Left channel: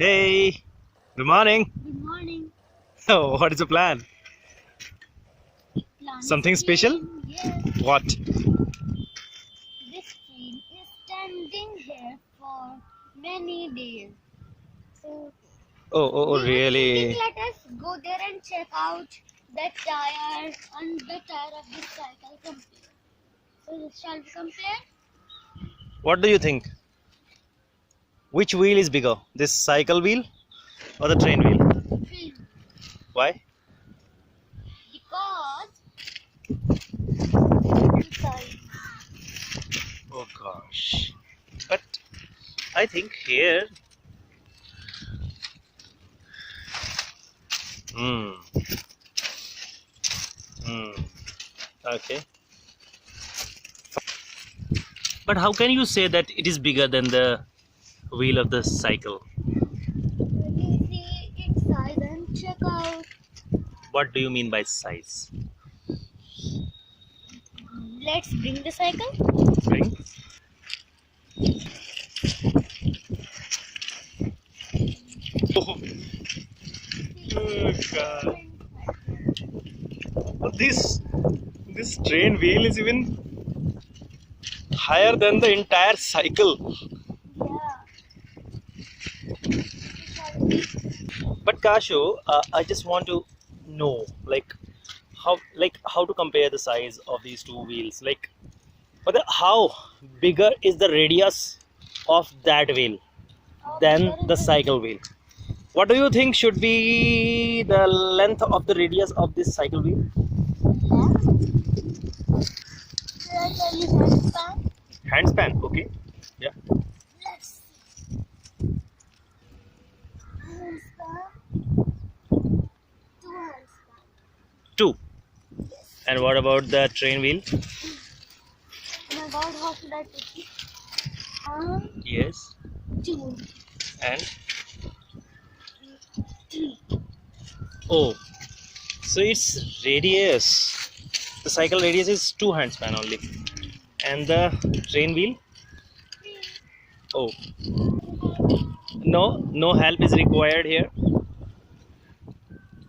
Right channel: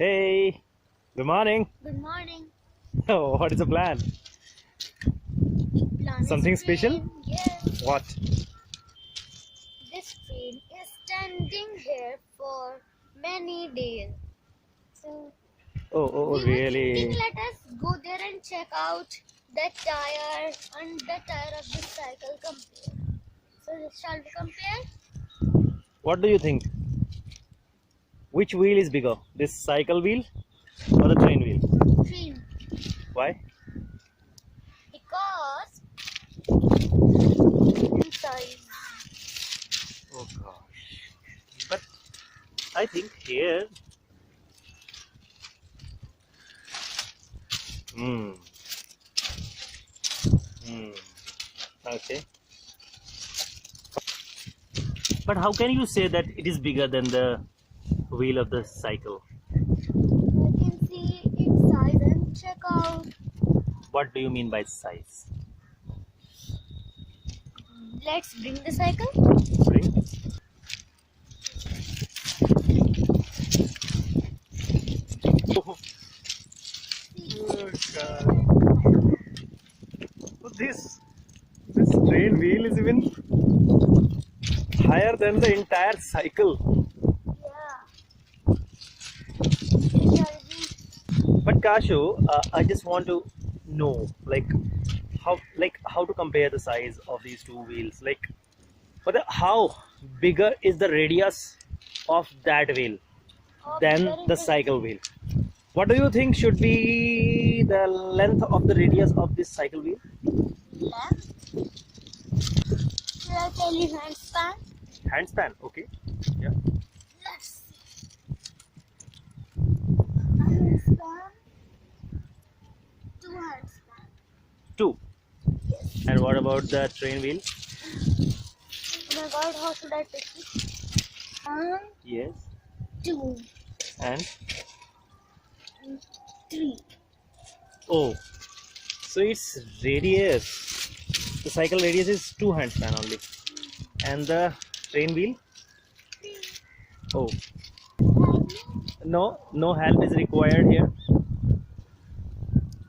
Hey, good morning. Good morning. Oh, what is the plan? Plan Something is special? train. Yes, What? this train is standing here for many days. So Oh, we were thinking, really? let us go there and check out the tire and the tire of the cycle compare. So shall we compare? What do you think? Which wheel is bigger? This cycle wheel or the train wheel? Train. Why? Because size. Oh gosh. But I think here. Hmm. Hmm. Okay. But how can you say that it is bigger than the wheel of the cycle? You can see its size and check out. What do you mean by size? Let's bring the cycle. Bring. Oh, God. Oh, this train wheel is even higher than the entire cycle. Yeah. But Kashu, I just want to know, how to compare the size of these two wheels. How bigger is the radius of that wheel than the cycle wheel? What do you think should be the length of the radius of this cycle wheel? Left. Should I tell you handspan? Handspan, okay. Yeah. Let's see. Handspan. Two handspan. Two. Yes. And what about the train wheel? Oh my god, how should I take it? One, Yes. two, And three. oh, so its radius, the cycle radius is two handspan only, and the train wheel, oh, no help is required here.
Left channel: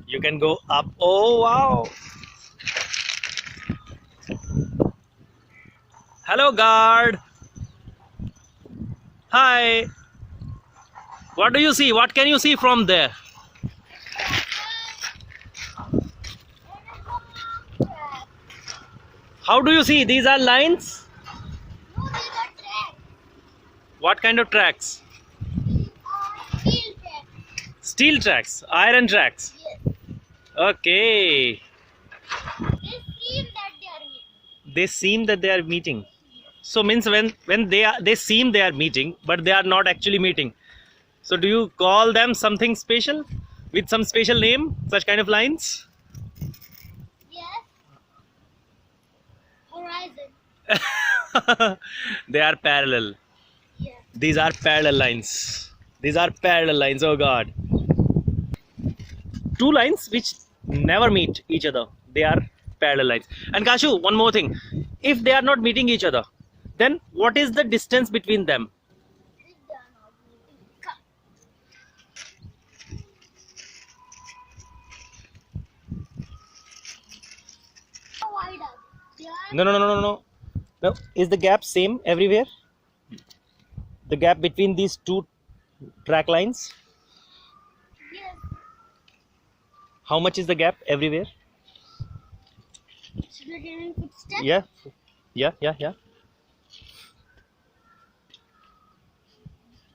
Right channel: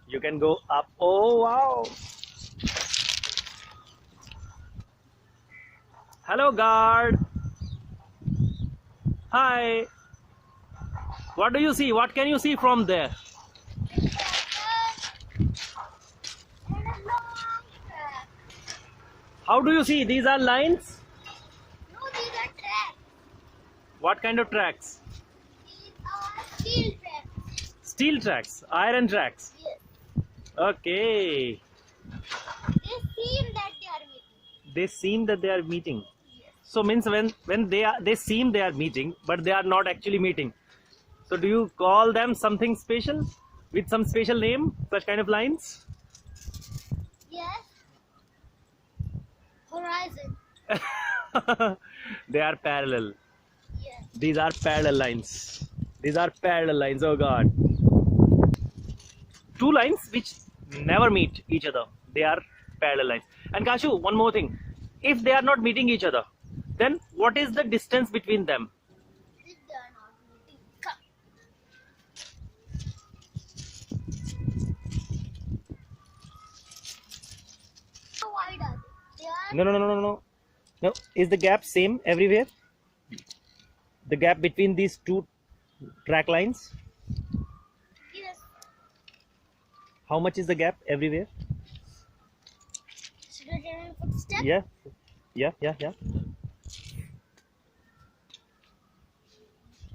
You can go up. Oh wow. Hello guard. Hi. What do you see? What can you see from there? How do you see? These are lines. No, these are tracks. What kind of tracks? These are steel tracks. Steel tracks, iron tracks. Yes. Okay. They seem that they are meeting. They seem that they are meeting. Yes. So means when they seem they are meeting, but they are not actually meeting. So do you call them something special with some special name? Such kind of lines? Yes. Horizon. They are parallel. Yes. These are parallel lines. These are parallel lines. Oh God. Two lines which never meet each other. They are parallel lines. And Kashu, one more thing. If they are not meeting each other, then what is the distance between them? If they are not meeting. Come. How wide are they? They are. No. No. Is the gap same everywhere? The gap between these two track lines? Yes. How much is the gap everywhere? Should we get any footsteps? Yeah.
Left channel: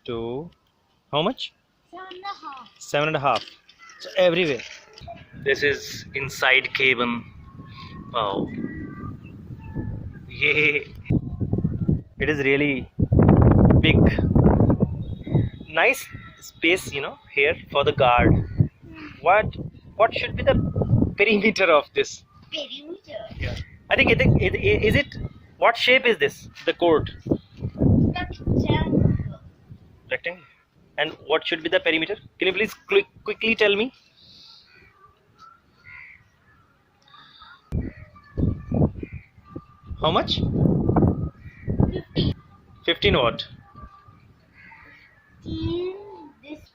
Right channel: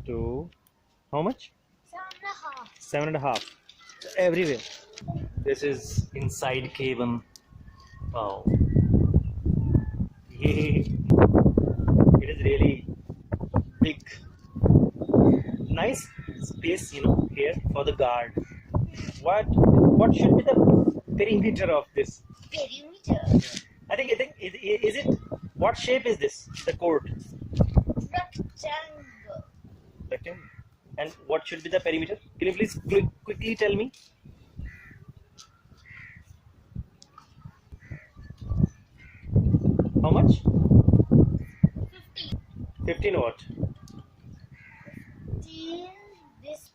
To how much? 7.5. 7.5. So everywhere. This is inside cabin. Wow. Yay. It is really big. Nice space, here for the guard. What should be the perimeter of this? Perimeter. I think is it what shape is this? The court. Rectangle. Rectangle. And what should be the perimeter? Can you please quickly tell me? How much? 15. 15 what? 15. This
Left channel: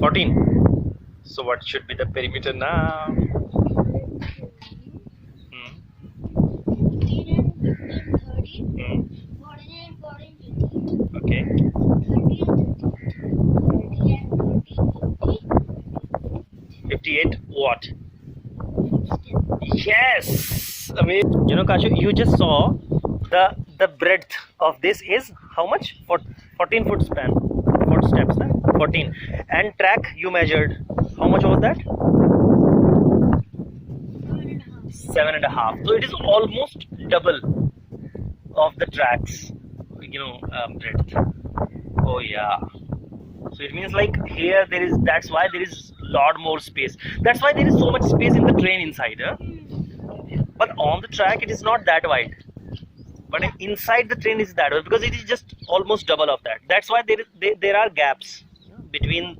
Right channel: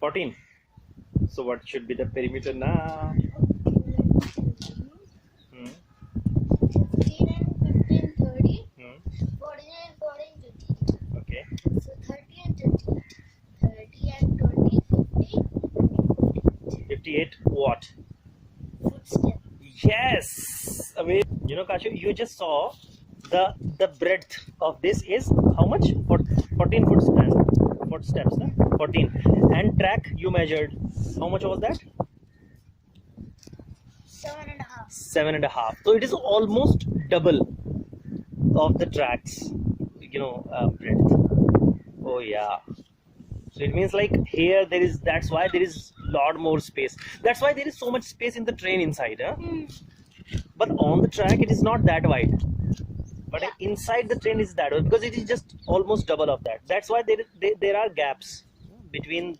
14. So what should be the perimeter now? Hmm. 15 and 15, 30, Hmm. 49, 14, 50. Okay. So 30 and 30. 30 and 20, 50. 58 what? Footsteps. Yes. I mean, you know, Kashu, you just saw the breadth of this is how much? 14 foot span. Footsteps, huh? 14. And track you measured. How much was that? 7.5. 7.5. So it is almost double of the tracks, breadth. Oh yeah. So it means like here there is. That's why there is lot more space. That's why there is so much space in the train inside, huh? But on the track it is not that wide. But Yeah. inside the train is that wide because it is just almost double of that. That's why there are gaps between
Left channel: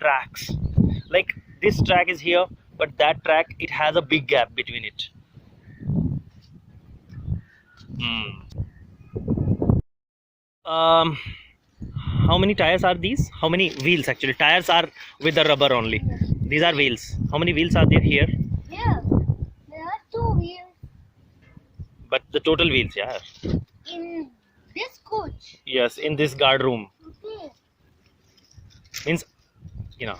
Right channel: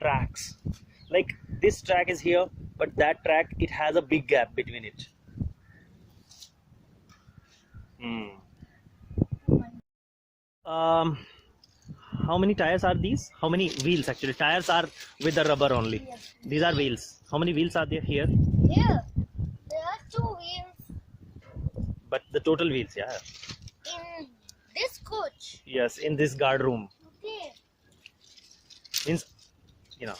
tracks. Like this track is here, but that track it has a big gap between it. Um, how many tires are these? How many wheels actually? Tires are with the rubber only. These are wheels. How many wheels are there here? Here, there are 2 wheels But the total wheels, yeah. in this coach. Yes, in this guard room. Okay, Means, you know,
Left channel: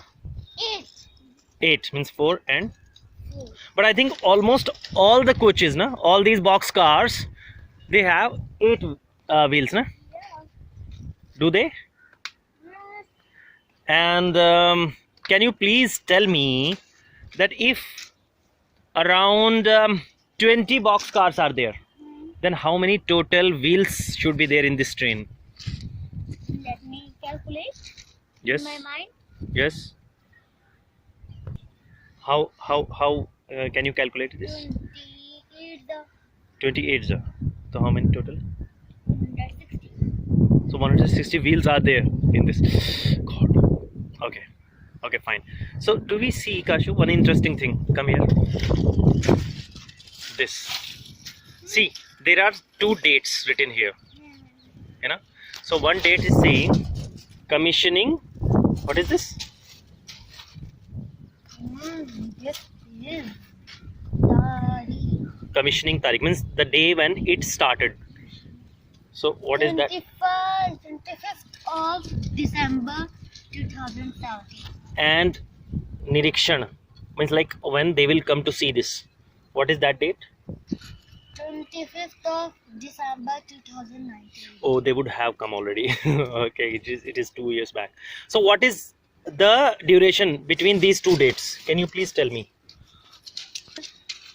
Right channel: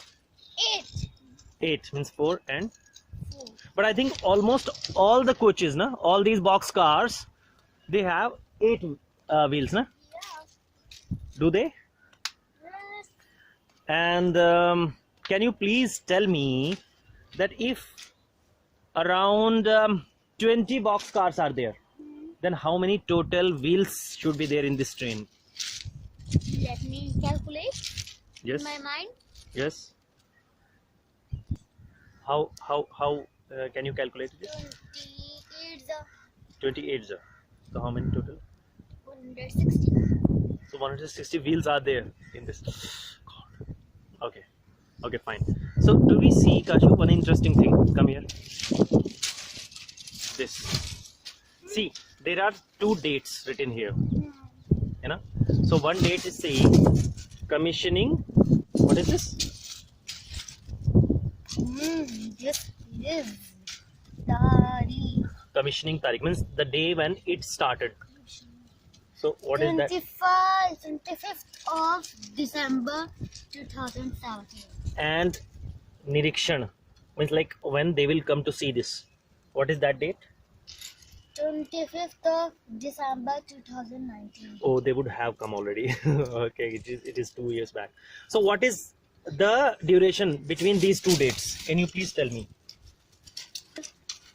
8. 8 means 4 and. 4. But I think almost all the coaches, na, all these box cars, they have 8 wheels, na? Yeah. Do they? Yes. And can you please tell me that if around 20 box cars are there, then how many total wheels should be there in this train? Let me calculate Yes. in my mind. Yes. How can you calculate this? 28 the 28. So how many total? 160. So 160 wheels are there in this. God. Okay. Okay, fine. So do we see, Kashu, one interesting thing? Come here. This. See, there are 2 dates written here. You know. So one date is saying commissioning. What is this? This is Dari. Commissioning tarikh means the day when it started. So what is that? 25th of December 2017. And Nirikshan means like when they will come to see this. What is that date? 25th of December 2019. Oh, they would have come already. Okay, it is 2 years back. So what is the duration between these 2 dates? Can you please tell me?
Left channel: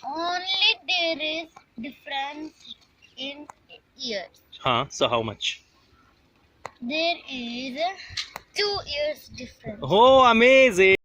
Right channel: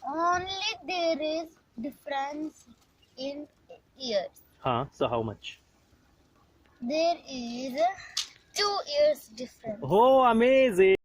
Only there is difference in years. So how much? There is 2 years difference. Oh, amazing.